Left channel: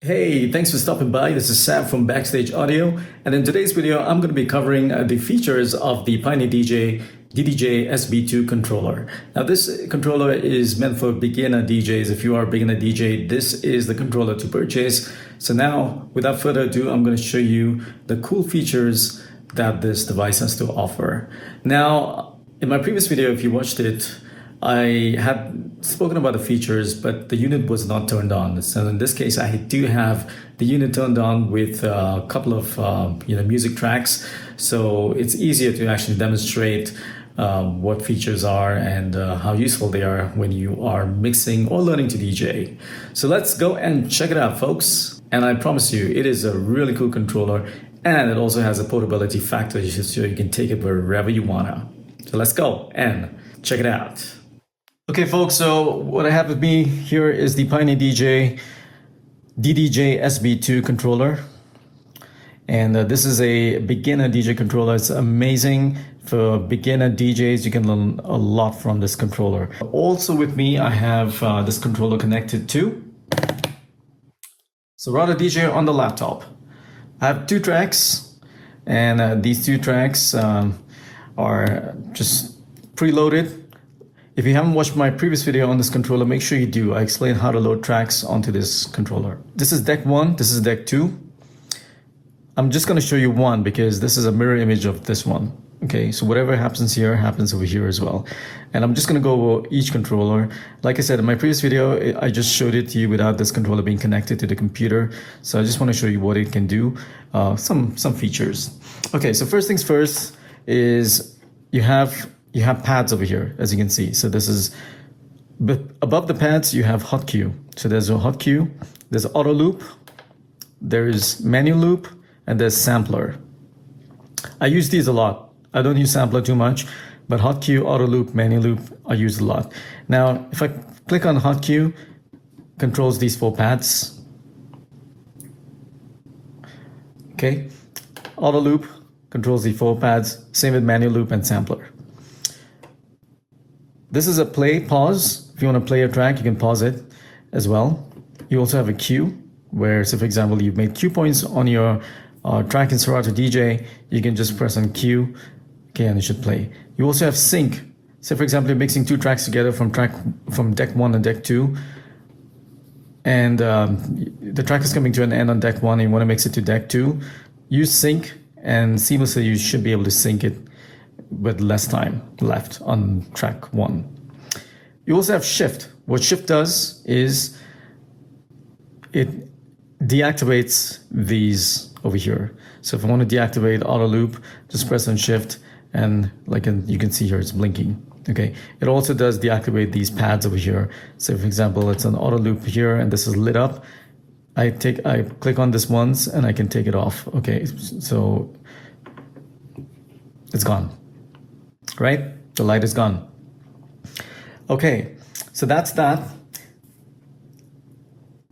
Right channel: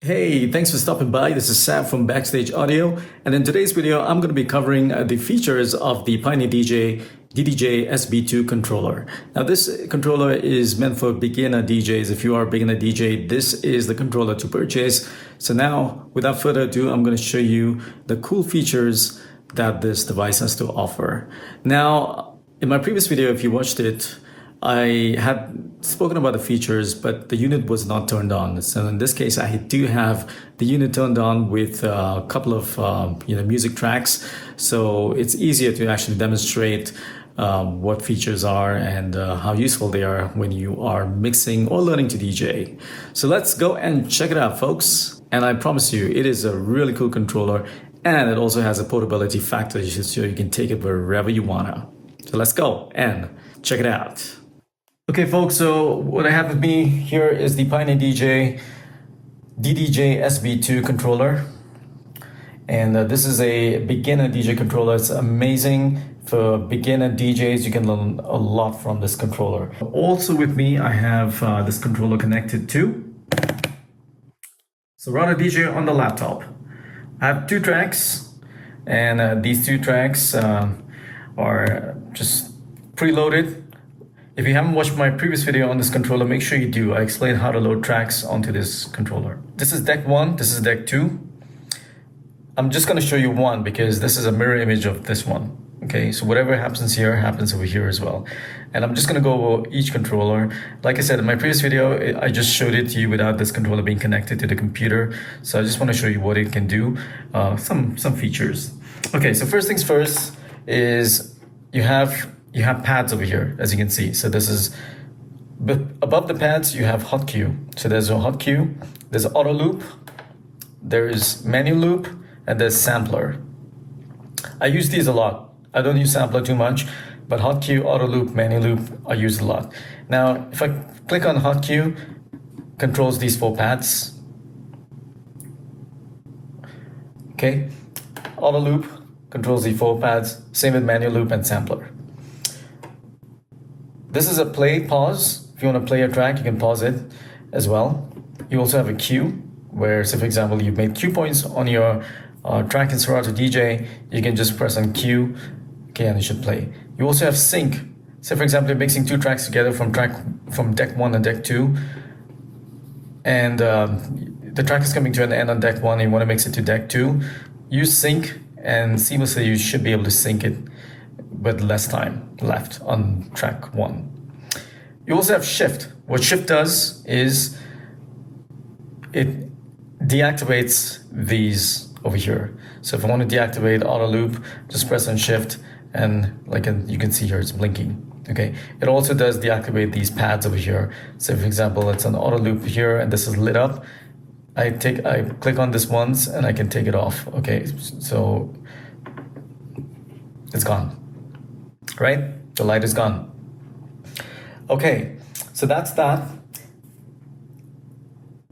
Hey, thanks for stopping by. This is Sam from Backstage Audio. And in today's video, I'm going to be covering the features of the Pioneer DDJ SB2 controller. Now, this controller is meant for beginner DJs. If you are a beginner DJ, this is the controller to purchase. So now, without further ado, I'm going to show you the cool features that this device has to offer. Now, in my previous video, if you watched it, I had spoken about the features, but the unit was not turned on. So in this case, I do have the unit turned on with a couple of music tracks. So it's easier to actually demonstrate what features are and how useful they are when you are mixing or learning to DJ. So let's go and check it out, folks. And I promise you, it is a really cool controller, and it also has a portability factor, so you can take it wherever you wanna. So let's go and check it out. Okay, folks, so what I have with me here is the Pioneer DDJ SB2 controller. And this is a beginner DJ controller. It's amazing for beginner DJs. You can learn a lot from this controller. Also with me, I have this controller connected to Serato DJ on the laptop. I have two tracks, and these two tracks are just preloaded. If you haven't watched my previous video on this controller, make sure you do. I explain how to load tracks onto this controller. This is deck 1, this is deck 2. I'm just going to show you one because this is a mirror image of this one. Okay, so whatever happens here happens over here as well. And I'm just going to go over each controller. Like I said, in my previous video, I just showed it to you without this controller being connected to the computer. So I just want to show you what it can do, some features. Okay, so first things first is you have pads over here, as you can see. So this is, but above the pads, you have hot cue. So there's a hot cue, there's auto loop, there's menu loop, and there's sampler. I use these a lot. I don't use sampler too much, but hot cue, auto loop, menu loop, I use a lot. Now, if I click on hot cue, controls these 4 pads. Okay, auto loop controls the 4 pads, same with menu loop and sampler. This is a play pause. If you want to play a track, you can pause it as well. You also have a cue where, say for example, you've made cue points on your track in Serato DJ, you can just press on cue, okay, and it should play. You also have sync. Say for example, you're mixing 2 tracks together from deck 1 and deck 2, and the track is coming to an end on deck 1 and you want to mix it to deck 2. Use sync, and seamlessly you should be able to sync it with less time left on track 1. You also have shift. What shift does is it deactivates these over here. So if I want to deactivate auto loop, just press on shift, and like you can see here, it's blinking. Okay. It also does deactivate these pads over here. So for example, it's an auto loop here and this is lit up. I click on this once and I can take it off. Okay, so it's gone. Right? The light is gone. Okay, so that's that.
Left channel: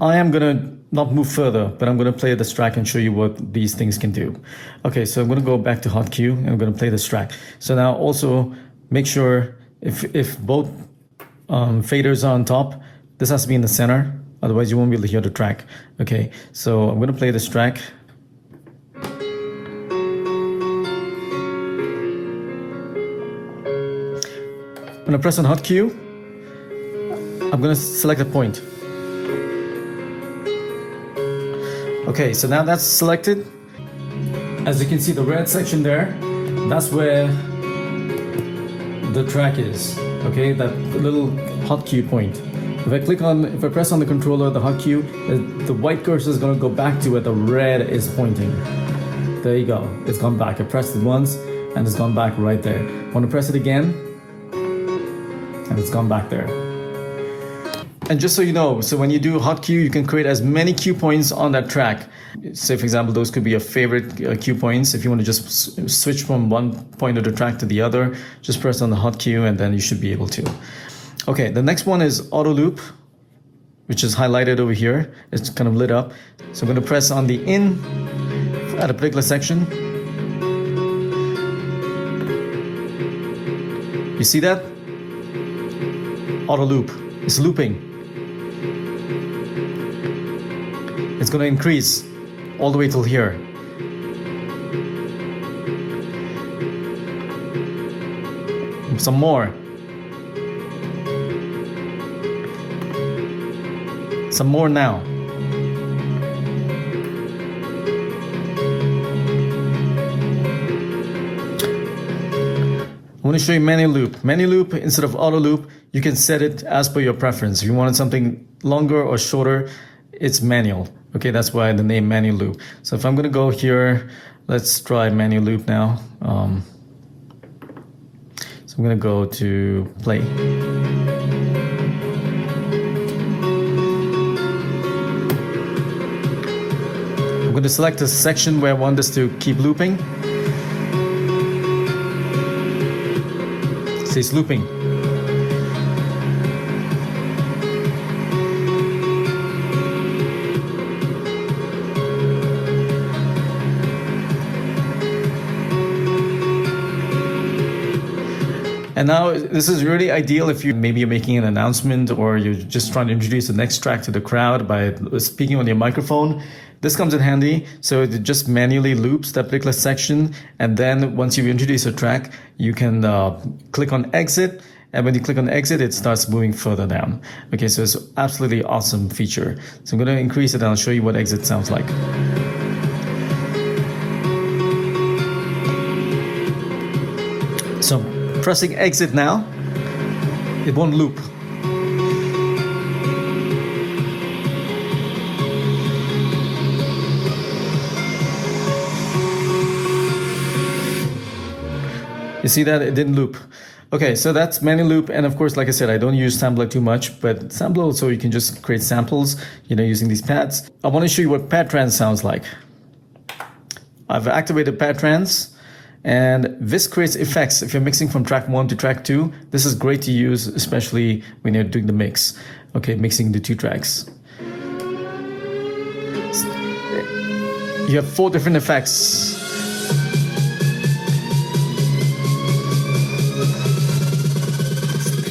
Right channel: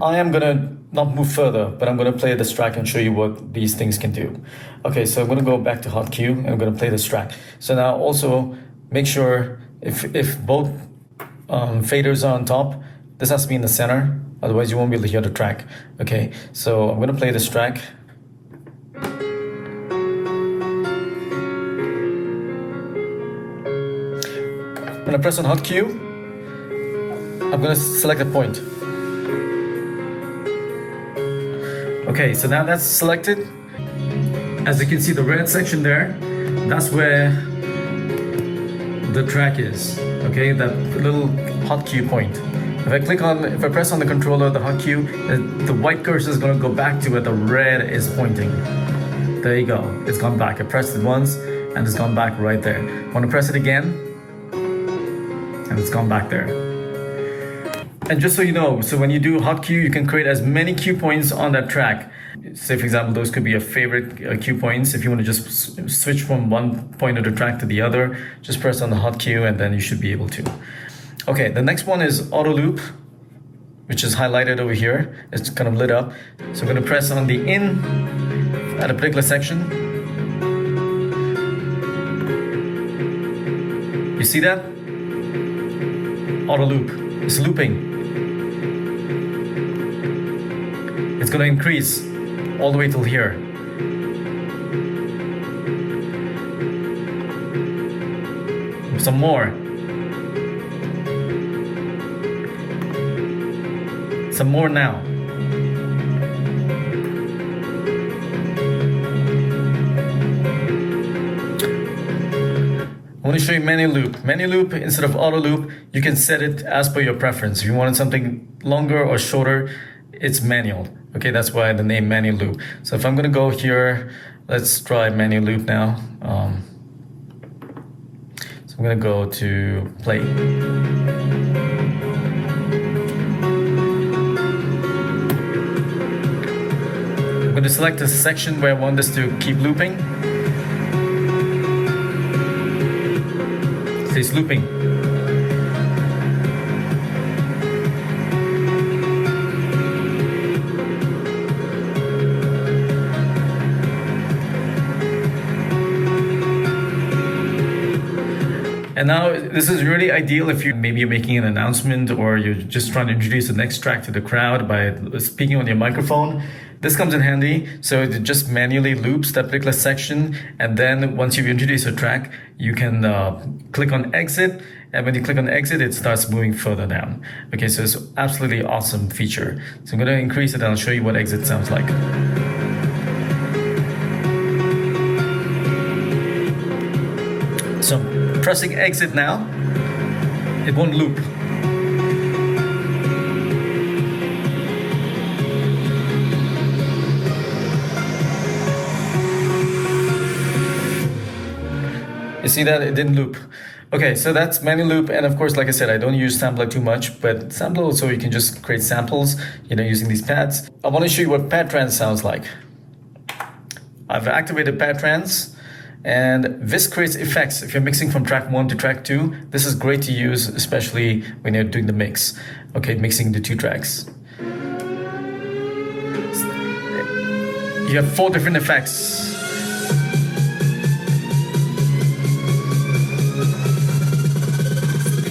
I am gonna not move further, but I'm gonna play this track and show you what these things can do. Okay, so I'm gonna go back to hot cue and I'm gonna play this track. So now also make sure if both faders are on top, this has to be in the center, otherwise you won't be able to hear the track. Okay, so I'm gonna play this track. When I press on hot cue, I'm going to select a point. Okay, so now that's selected. As you can see, the red section there, that's where the track is. Okay, that little hot cue point. If I press on the controller, the hot cue, the white cursor is going to go back to where the red is pointing. There you go, it's gone back. I pressed it once and it's gone back right there. I want to press it again, and it's gone back there. And just so you know, so when you do hot cue, you can create as many cue points on that track. Say for example, those could be your favorite cue points. If you want to just switch from one point of the track to the other, just press on the hot cue and then you should be able to. Okay, the next one is auto loop, which is highlighted over here. It's kind of lit up. So I'm going to press on the in at a particular section. You see that? Auto loop. It's looping. It's going to increase all the way till here. Some more. Some more now. I want to show you menu loop. Menu loop, instead of auto loop, you can set it as per your preference. If you wanted something longer or shorter, it's manual. Okay, that's why the name menu loop. So if I'm going to go here, let's try menu loop now. So I'm going to go to play. I'm going to select the section where I want this to keep looping. It's looping. And now this is really ideal if you're making an announcement or you're just trying to introduce the next track to the crowd by speaking on your microphone. This comes in handy, so it just manually loops that particular section, and then once you've introduced a track, you can click on exit, and when you click on exit, it starts moving further down. Okay, so it's an absolutely awesome feature. So I'm going to increase it and I'll show you what exit sounds like. So pressing exit now, it won't loop. You see that? It didn't loop. Okay, so that's menu loop, and of course, like I said, I don't use sampler too much, but sampler also you can just create samples, using these pads. I want to show you what pad trans sounds like. I've activated pad trans, and this creates effects. If you're mixing from track 1 to track 2, this is great to use, especially when you're doing the mix. Okay, mixing the 2 tracks. You have 4 different effects.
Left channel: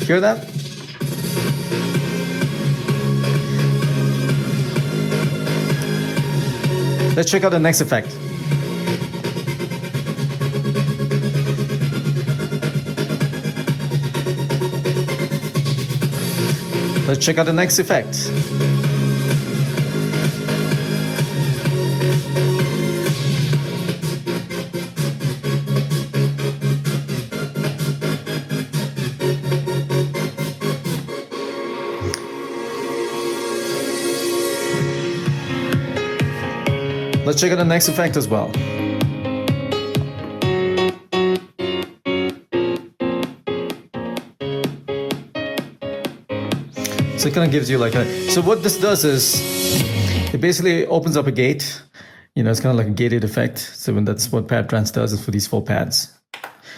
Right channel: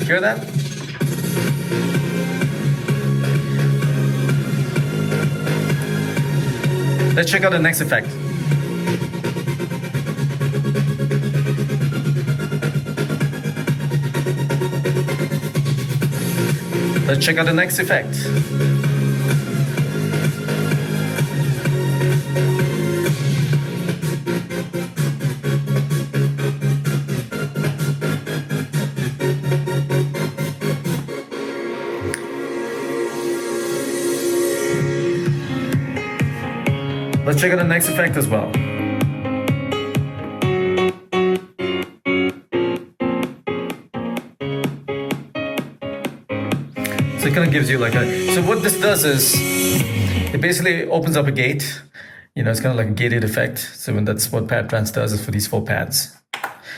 Hear that? Let's check out the next effect. Let's check out the next effect. Let's check out the next effect as well. So it kind of gives you so what this does is it basically opens up a gate. It's kind of like a gated effect. So that's what pad trans does is for these 4 pads.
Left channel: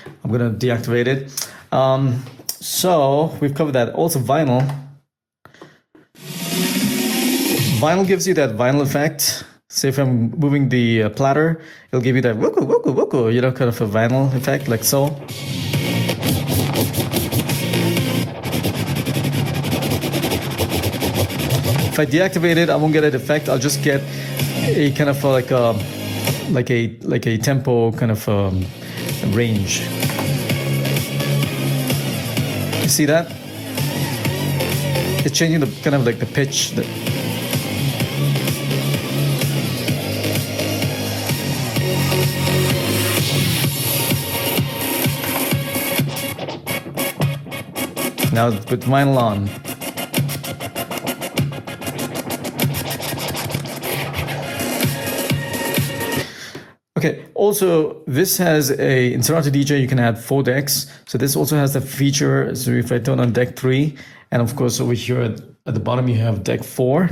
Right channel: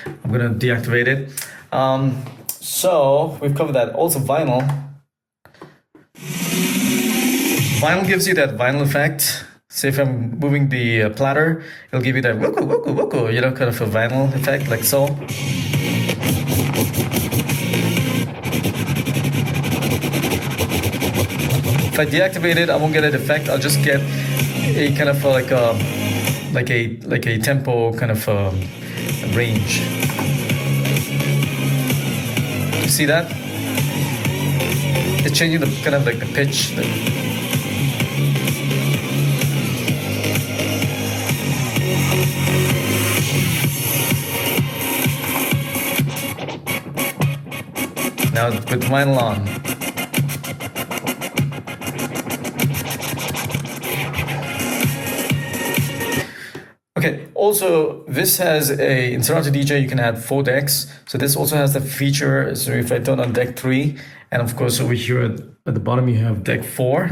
I'm going to deactivate it. So we've covered that. Also vinyl. Vinyl gives you that vinyl effect. So if I'm moving the platter, it'll give you that woko, woko, woko, kind of a vinyl effect, like so. If I deactivate it, I won't get that effect. I'll just get a kind of like a tempo kind of range. You see that? It's changing the kind of like the pitch. Now with vinyl on. Okay, also this has in Serato DJ you can add 4 decks. So this also has the feature, so if I turn on deck 3, and of course over here at the bottom you have deck 4,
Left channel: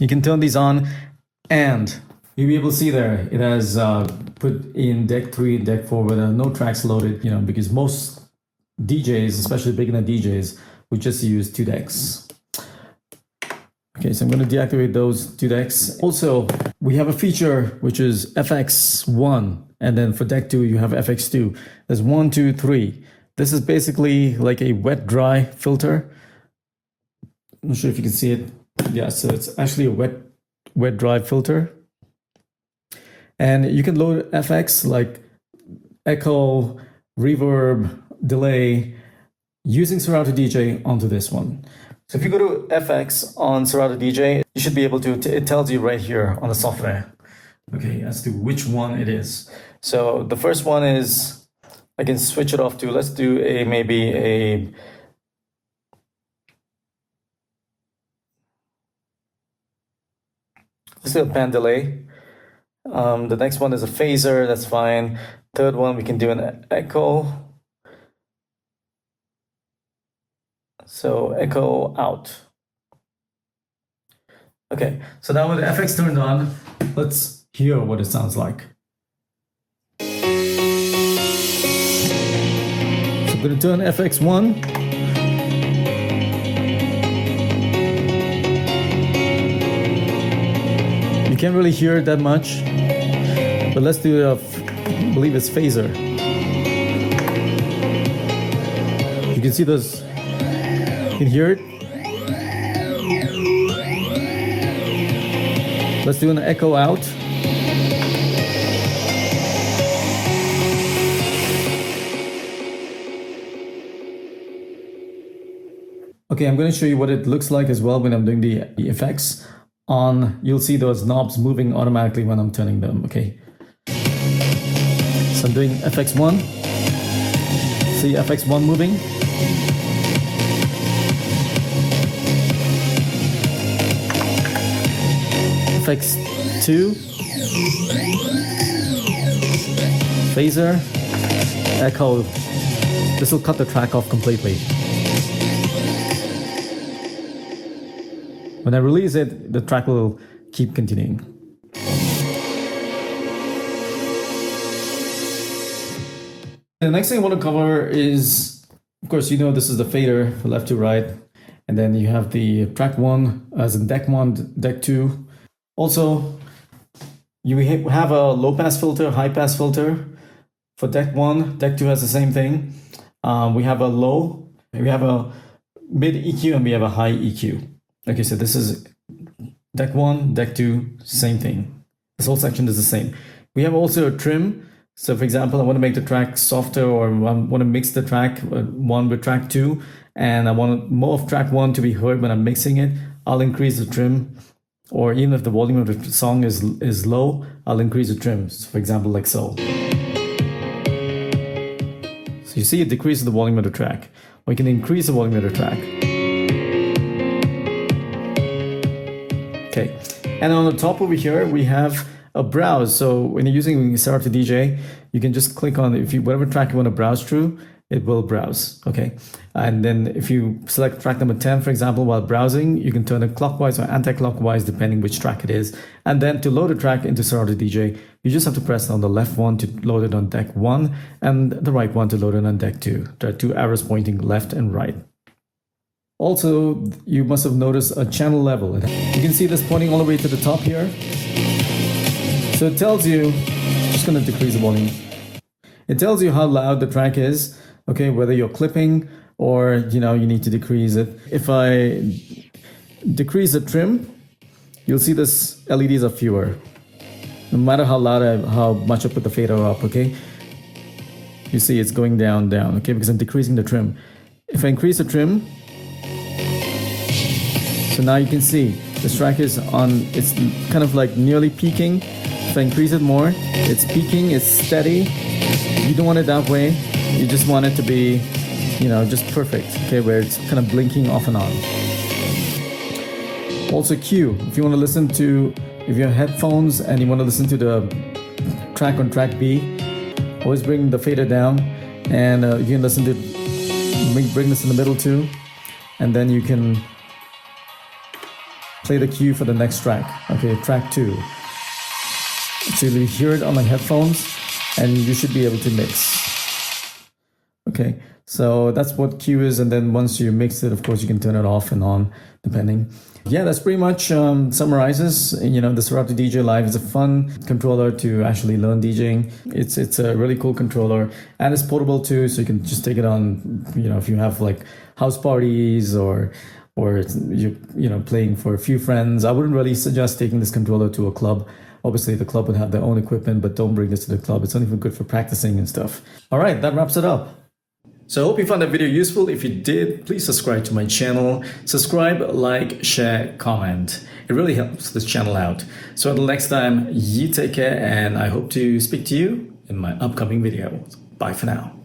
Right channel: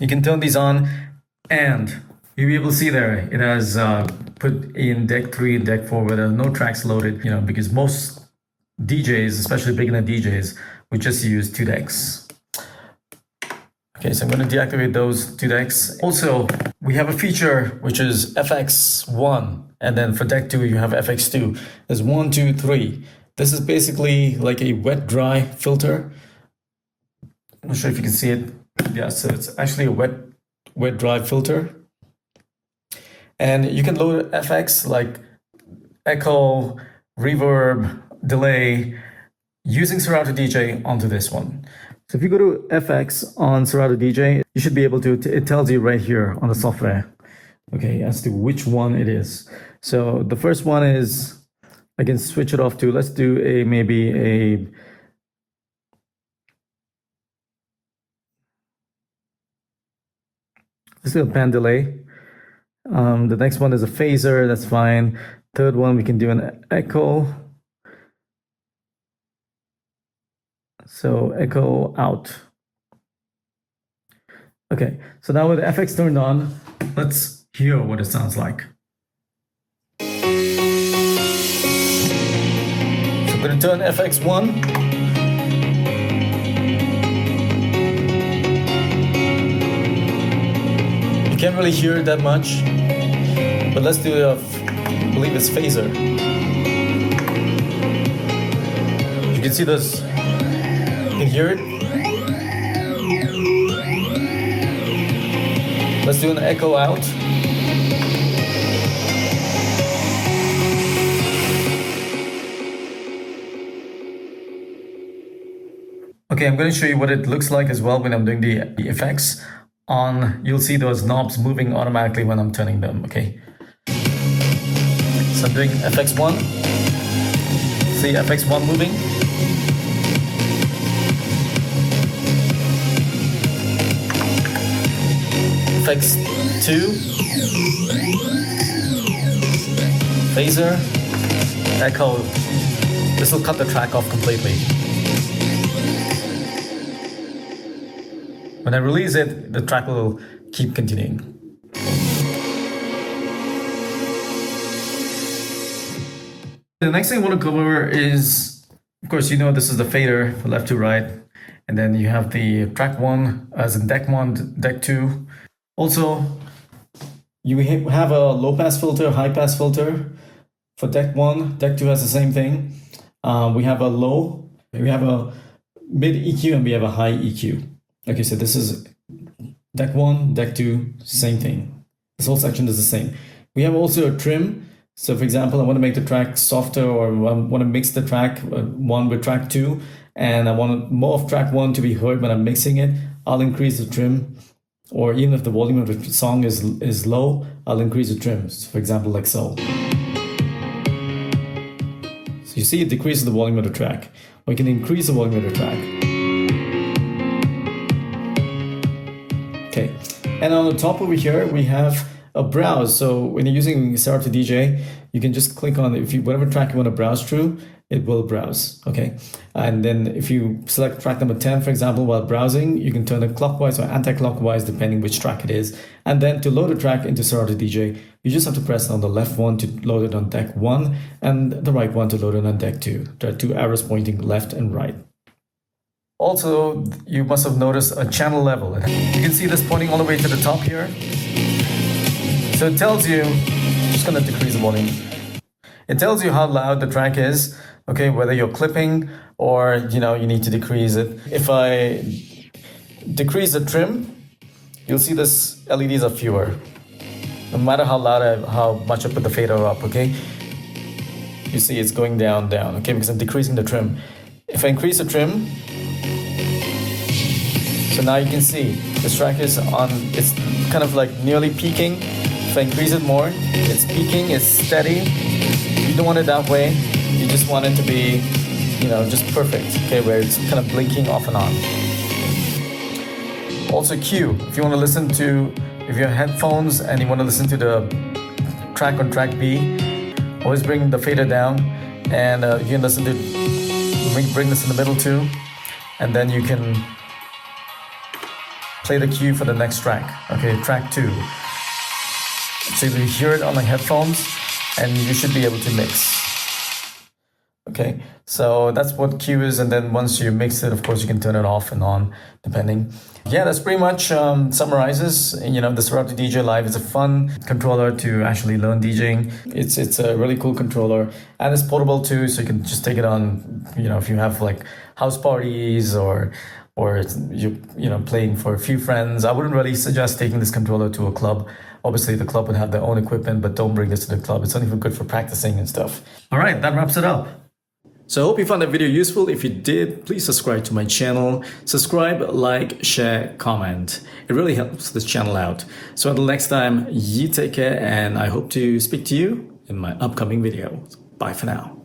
you can turn these on and you'll be able to see there, it has put in deck 3 and deck 4 where there are no tracks loaded, because most DJs, especially beginner DJs, would just use 2 decks. Okay, so I'm going to deactivate those 2 decks. Also, we have a feature which is FX1, and then for deck 2 you have FX2. There's 1, 2, 3. This is basically like a wet-dry filter. I'm not sure if you can see it. Yeah, so it's actually a wet wet drive filter. And you can load effects like echo, reverb, delay using Serato DJ onto this one. So if you go to FX on Serato DJ, you should be able to, it tells you right here on the software, okay, as to which one it is. So the first one is, I can switch it off to, let's do maybe a pan delay. The next one is a phaser, that's fine. Third one, we can do an echo. So echo out. Okay, so now with the FX turned on, let's hear what it sounds like. So I'm going to turn FX 1. You can't really hear it that much, but let's do I believe it's phaser. You can see those. You can hear it. Let's do an echo out. Okay, I'm going to show you what it looks like as well when I'm doing the effects on. You'll see those knobs moving automatically when I'm turning them, okay? So I'm doing FX1. See FX1 moving. FX2, phaser, echo. This will cut the track off completely. When I release it, the track will keep continuing. The next thing I want to cover is, of course, you know, this is the fader from left to right, and then you have the track 1 as in deck 1, deck 2. Also, you have a low pass filter, high pass filter for deck 1. Deck 2 has the same thing. We have a low, we have a mid EQ, and we have a high EQ. Okay, so this is deck 1, deck 2, same thing. This whole section is the same. We have also a trim. So for example, I want to make the track softer, or I want to mix the track 1 with track 2, and I want more of track 1 to be heard when I'm mixing it. I'll increase the trim. Or even if the volume of the song is low, I'll increase the trims, for example, like so. So you see it decreases the volume of the track. Or you can increase the volume of the track. Okay, and on the top over here, we have a browse. So when you're using Serato DJ, you can just click on, whatever track you want to browse through, it will browse, okay? And then if you select track number 10, for example, while browsing, you can turn it clockwise or anti-clockwise, depending which track it is. And then to load a track into Serato DJ, you just have to press on the left one to load it on deck 1, and the right one to load it on deck 2. There are 2 arrows pointing left and right. Also, you must have noticed a channel level. You can see this pointing all the way to the top here. So it tells you, I'm just gonna decrease the volume. It tells you how loud the track is, okay, whether you're clipping or, you know, you need to decrease it. If I decrease the trim, you'll see this LEDs are fewer. No matter how loud how much I put the fader up, okay? You see it's going down, okay, because I'm decreasing the trim. If I increase the trim, so now you can see this track is on, it's kind of like nearly peaking. If I increase it more, it's peaking, it's steady. You don't want it that way. You just want it to be, you know, just perfect, okay, where it's kind of blinking off and on. Also Q, if you want to listen to, if you have headphones and you want to listen to the track on track B, always bring the fader down, and you can listen to, bring this in the middle too, and then you can play the cue for the next track, okay, track 2. So you hear it on the headphones, and you should be able to mix. Okay, so that's what cue is, and then once you mix it, of course, you can turn it off and on, depending. Yeah, that's pretty much summarizes, you know, the Serato DJ Live is a fun controller to actually learn DJing. It's a really cool controller, and it's portable too, so you can just take it on, you know, if you have like house parties or or you know playing for a few friends, I wouldn't really suggest taking this controller to a club. Obviously, the club would have their own equipment, but don't bring this to the club. It's not even good for practicing and stuff. All right, that wraps it up. So I hope you found that video useful. If you did, please subscribe to my channel. Subscribe, like, share, comment. It really helps this channel out. So until next time, you take care, and I hope to speak to you in my upcoming video. Bye for now.